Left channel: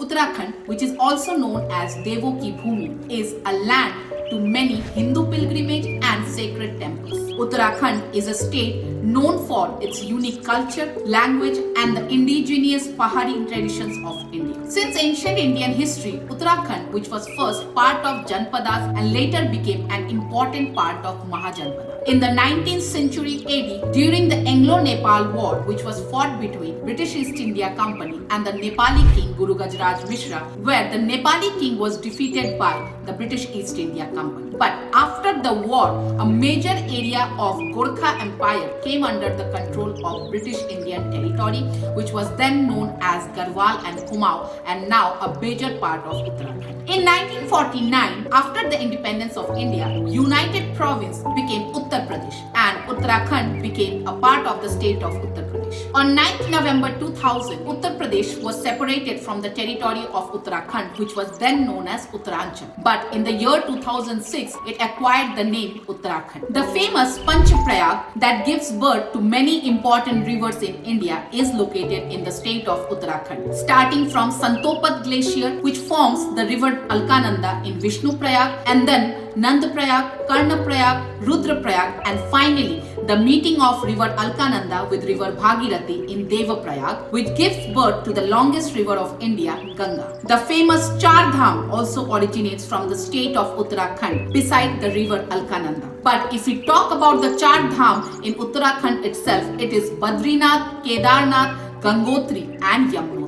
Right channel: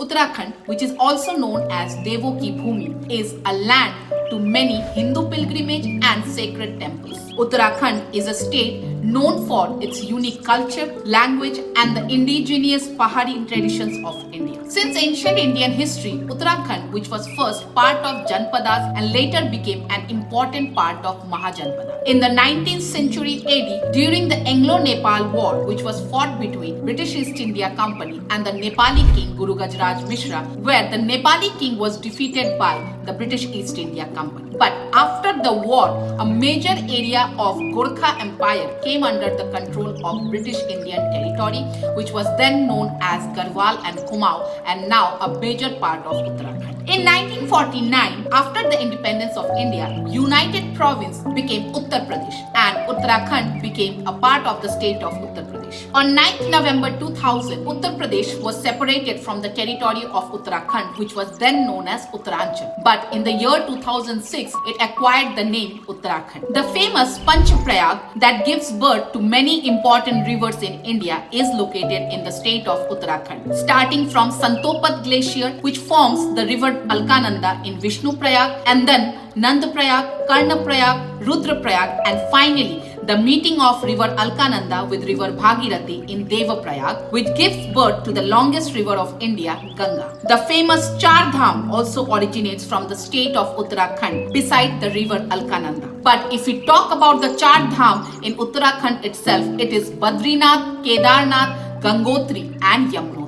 Uttarakhand, which is also known as Devo Ki Bhumi, is a land to many Hindu pilgrimage and sacred temples. Uttarakhand is a state known for its unique culture, language, and the indigenous Pahari traditions of India. Since ancient Indian history, Uttarakhand, which was first part of Janpadas and later became an important part of Mahajanpada. In the 19th century AD, during the Anglo-Nepal War, which was fought between British East India Company and the Nepali king Guru Gajraj Mishra, where the Nepali king was defeated by the British East India Company. But after the war, a major area of Gorkha Empire came under the control of British Indian territory, which was then known as Garhwal and Kumaon, and now a major part of Uttarakhand. In 1949, after the independence of India, United Province became Uttar Pradesh and Uttarakhand became a part of the state of Uttar Pradesh. On 9th November 2000, Uttar Pradesh was separated from the territory of Uttarakhand, which was then known as Uttaranchal. But in the year 2006, it acquired the name Uttarakhand. The famous Panchaprayag that gives birth to many important rivers in India is located in the state of Uttarakhand. Starting from Santopat Glacier, which forms the river Alkananda in Vishnu Prayag, and then Nandprayag, Karnaprayag, Rudraprayag, and finally the meeting of river Alkananda with river Bhagirathi in Devaprayag, which gives birth to the longest river of India, Ganga. The famous Char Dham also originates from the state of Uttarakhand beside the river Alkananda. But if we talk about the Char Dham in Uttarakhand itself, it is Badrinath, Kedarnath, Gangotri and Yamuna.